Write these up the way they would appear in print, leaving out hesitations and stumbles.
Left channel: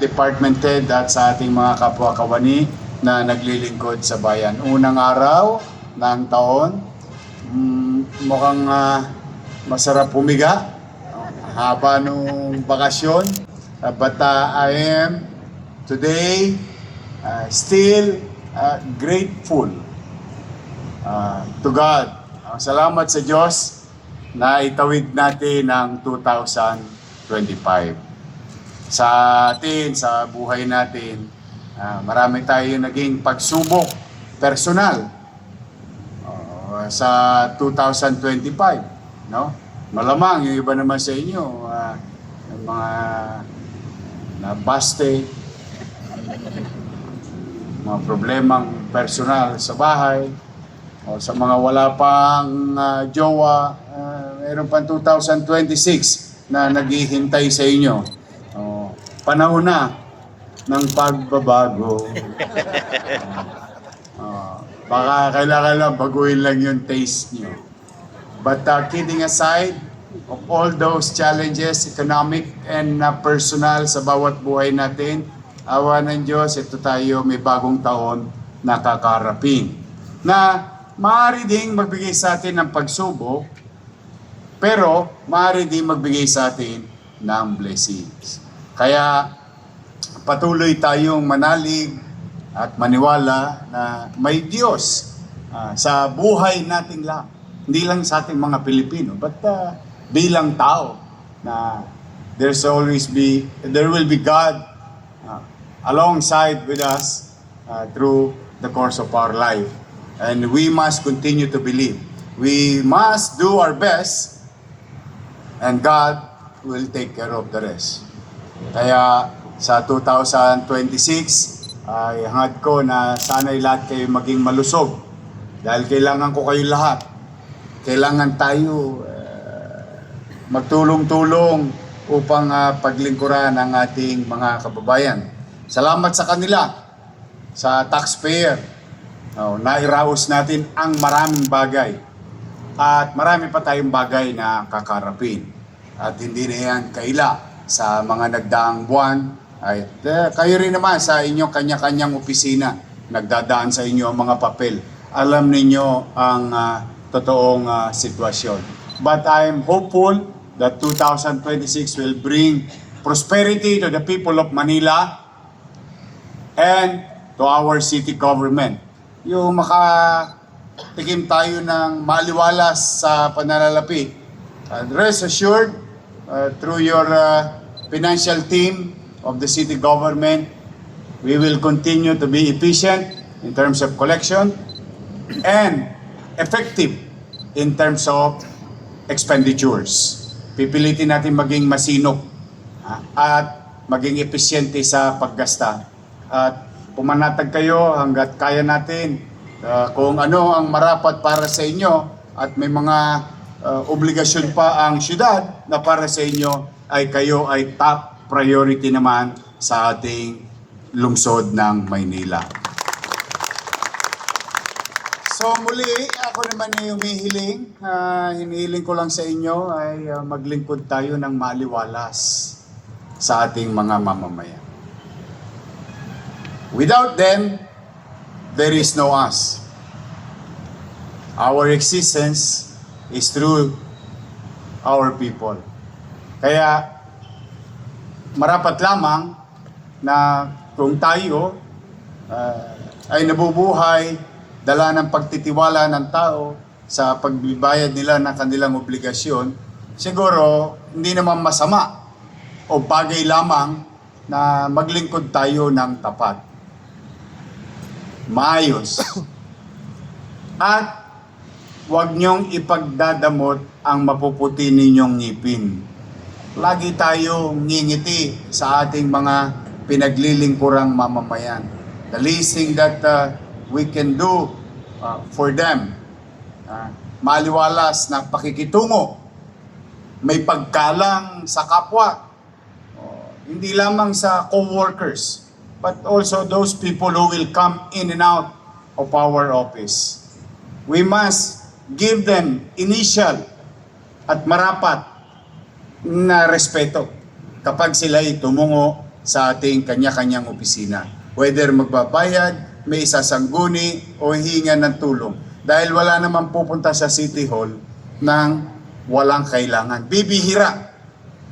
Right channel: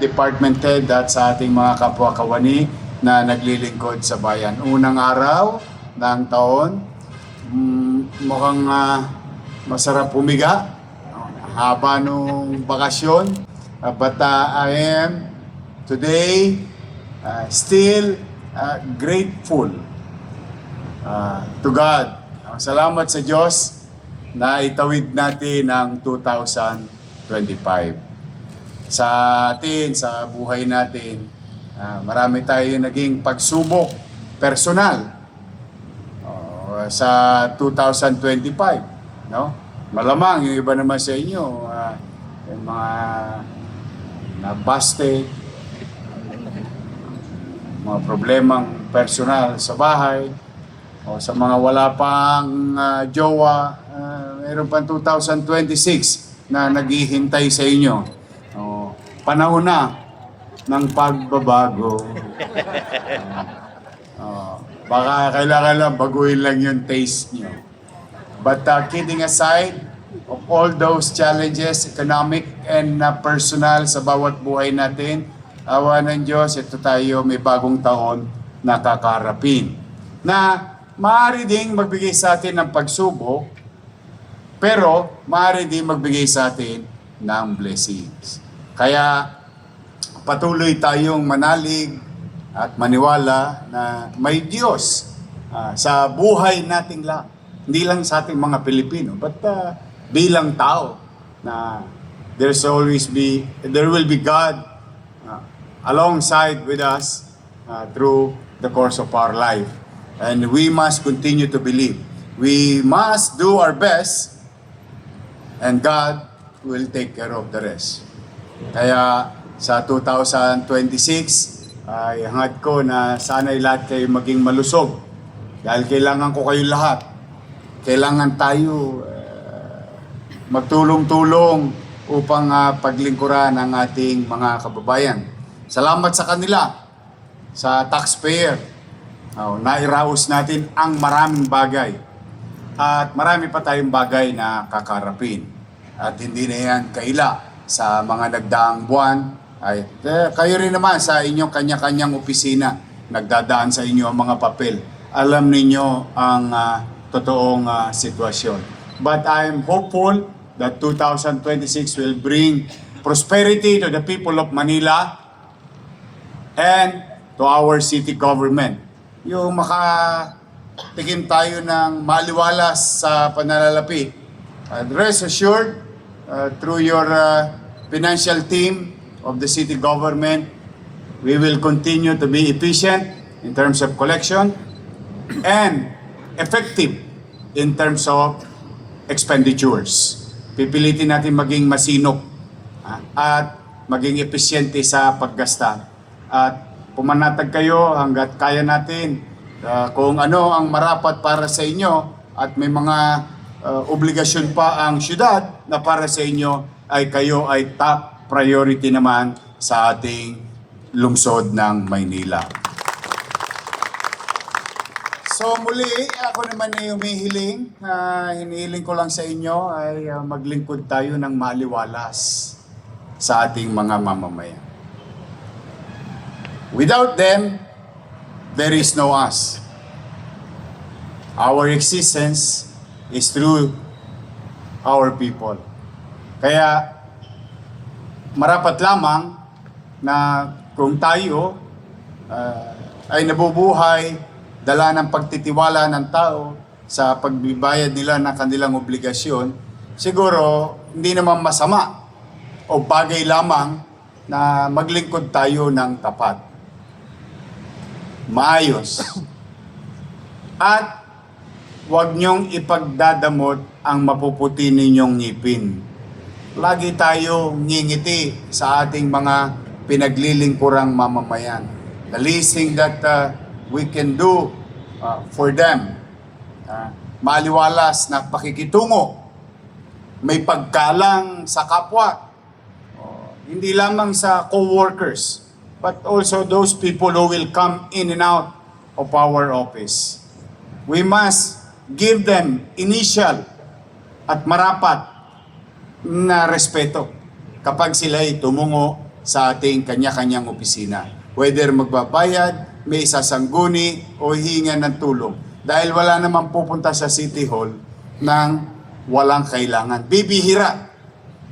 department head at sa ating mga kapwa kawani na naglilingkod sa bayan. Unang araw ng taon, mukhang masarap humiga, haba nung bakasyon. But I am today still grateful to God. Salamat sa Diyos na itawid natin ang 2025. Sa atin, sa buhay natin, marami tayo naging pagsubok personal sa 2025, no? Malamang yung iba naman sa inyo, yung mga nabaste, mga problemang personal sa bahay, o sa mga wala pang jowa, mayroon pang 2026 na naghihintay sa inyo. Panahon na ng pagbabago. Baka kailangan lang baguhin lang yung taste nyo. But kidding aside, of all those challenges, economic and personal sa bawat buhay natin, awa ng Diyos, ito tayo may bagong taon na kakaharapin. Na maaari ding magbigay sa atin ng pagsubok, pero maaari ding magbigay sa atin ng blessings. Kaya patuloy tayong manalig at maniwala na may Diyos sa buhay nating lahat. Hindi lang sa ating mga Pilipino, but bilang tao na there will be God alongside with us through the course of our life. And we must continue to believe. We must do our best and God will take care of the rest. Kaya sa 2026 ay hangad ko na sana'y lahat kayo maging malusog. Dahil kailangan ko kayo lahat. Kailangan tayo magtulong-tulong upang paglingkuran ang ating mga kababayan. Salamat sa kanila, sa taxpayer. Nairaos natin ang maraming bagay. At marami pa tayong bagay na kakarapin. At hindi na yan kaila sa mga nagdaang buwan. Ay, kayo rin naman sa inyong kanya-kanyang opisina, nagdadaan sa inyo ang mga papel. Alam ninyo ang totoong sitwasyon. But I'm hopeful that 2026 will bring prosperity to the people of Manila and to our city government. Yung makatikim tayo ng maliwalas sa pananalapi. And rest assured, through your financial team of the city government, we will continue to be efficient in terms of collection and effective in terms of expenditures. Pipilitin natin maging masinop at maging epesyente sa paggasta. At pumanatag kayo hanggat kaya natin kung ano ang marapat para sa inyo at may mga obligasyon pa ang syudad na para sa inyo ay kayo ay top priority naman sa ating lungsod ng Maynila. So muli, ako naman ay humihiling, hinihiling ko lang sa inyo ay maglingkod tayo ng maliwalas sa ating mga mamamayan. Without them, there is no us. Our existence is through our people. Kaya marapat lamang na kung tayo ay nabubuhay, dala ng pagtitiwala ng tao sa pagbibayad nila ng kanilang obligasyon, siguro hindi naman masama o bagay lamang na maglingkod tayo ng tapat, maayos. At huwag niyong ipagdadamot ang mapuputi ninyong ngipin. Lagi tayo ngingiti sa ating mga pinaglilingkurang mamamayan. The least thing that we can do for them, maliwalas na pakikitungo, may paggalang sa kapwa, hindi lamang sa co-workers, but also those people who will come in and out of our office. We must give them initial at marapat na respeto kapag sila'y tumungo sa ating kanya-kanyang opisina. Whether magbabayad, may isasangguni o hihinga ng tulong. Dahil wala naman pupunta sa City Hall ng walang kailangan. Bibihira.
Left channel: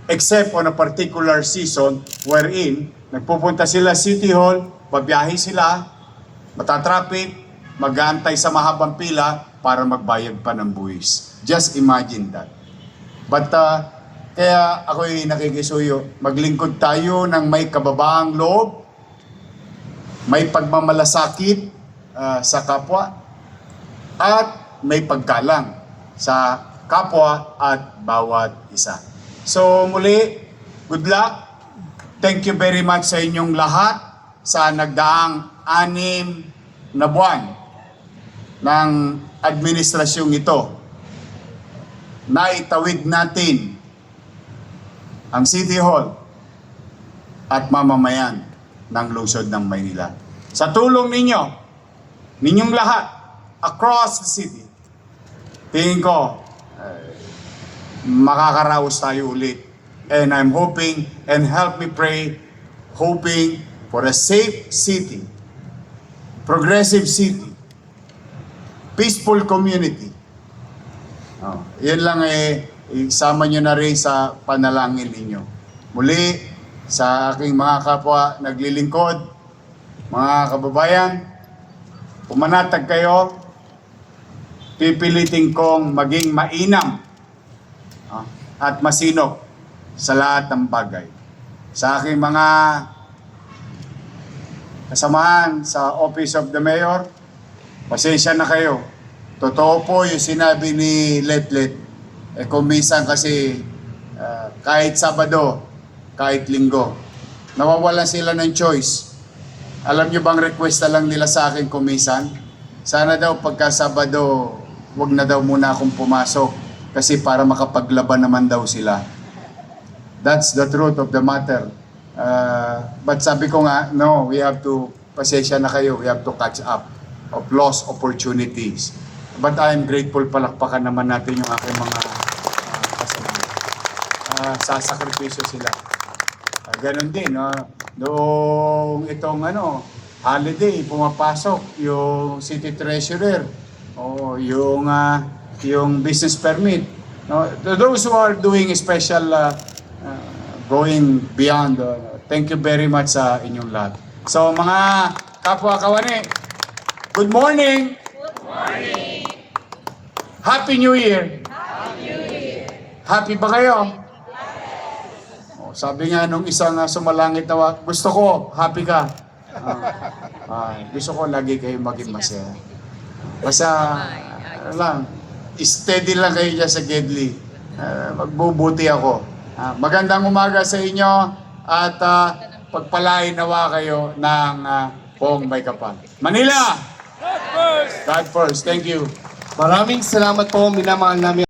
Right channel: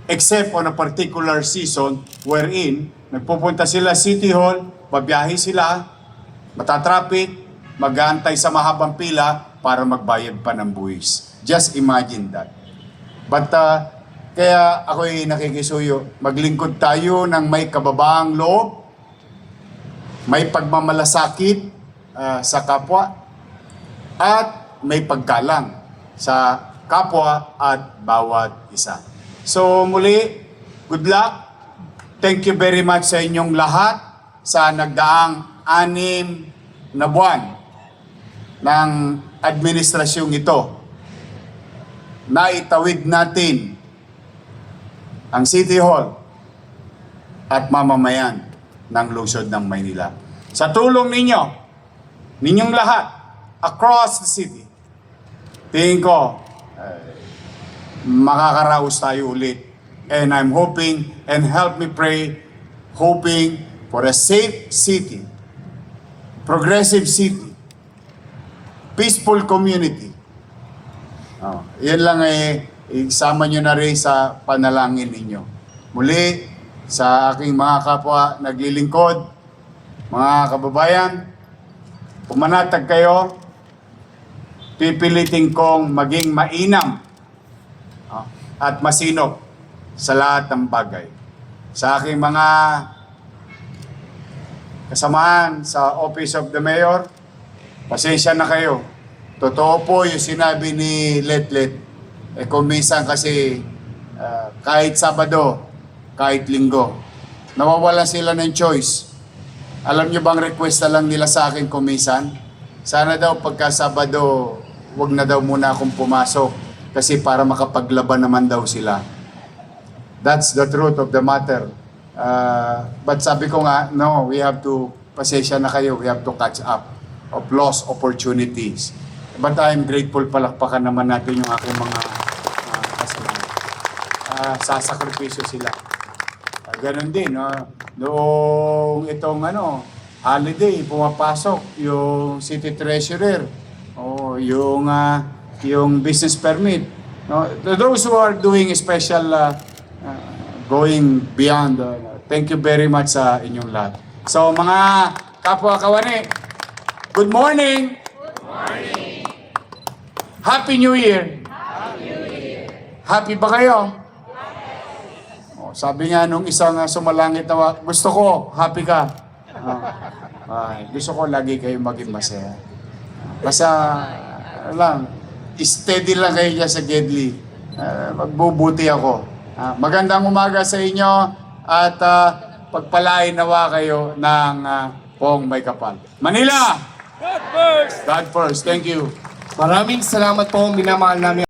Except on a particular season wherein nagpupunta sila City Hall, babiyahe sila, matatraffic, mag-aantay sa mahabang pila para magbayad pa ng buwis. Just imagine that. But kaya ako'y nakikisuyo, maglingkod tayo ng may kababaang loob, may pagmamalasakit sa kapwa, at may paggalang sa kapwa at bawat isa. So muli, good luck. Thank you very much sa inyong lahat sa nagdaang 6 na buwan ng administrasyong ito. Naitawid natin ang City Hall at mamamayan ng lungsod ng Maynila. Sa tulong ninyong lahat, across the city, tingin ko, makakaraos tayo ulit. And I'm hoping, and help me pray, hoping for a safe city, progressive city, peaceful community. Yan lang isama nyo na rin sa panalangin ninyo. Muli, sa aking mga kapwa naglilingkod, mga kababayan, pumanatag kayo, pipilitin kong maging mainam at masinop sa lahat ng bagay. Sa aking mga kasamahan sa Office of the Mayor, pasensya na kayo. Totoo po yung sinabi ni Letlet. Kung minsan kasi kahit Sabado, kahit Linggo, nawawalan sila ng choice. Alam nyo bang request na lang nila sa akin kung minsan? Sana daw pagka Sabado, wag na daw muna akong pumasok kasi para makapaglaban naman daw sila. That's the truth of the matter. But sabi ko nga, no, we have to, pasensya na kayo, we have to catch up of lost opportunities. But I'm grateful, palakpakan naman natin yung aking mga kasama. Sasakripisyo sila. Ganon din, no? Noong itong holiday, pumapasok yung city treasurer, o yung business permit. No? Those who are doing special, going beyond, thank you very much sa inyong lahat. So mga kapwa kawani, good morning! Good morning! Happy New Year! Happy New Year! Happy ba kayo? Sabi nga nung isang sumalangit na, gusto ko, happy ka. Gusto ko lagi kayo maging masaya. Basta, lang, steady lang kayo dyan sa Gedli. Magbubuti ako. Magandang umaga sa inyo at pagpalain nawa kayo ng Pong May Kapal. Manila! God first! God first. Thank you. Maraming salamat po, minamahal namin.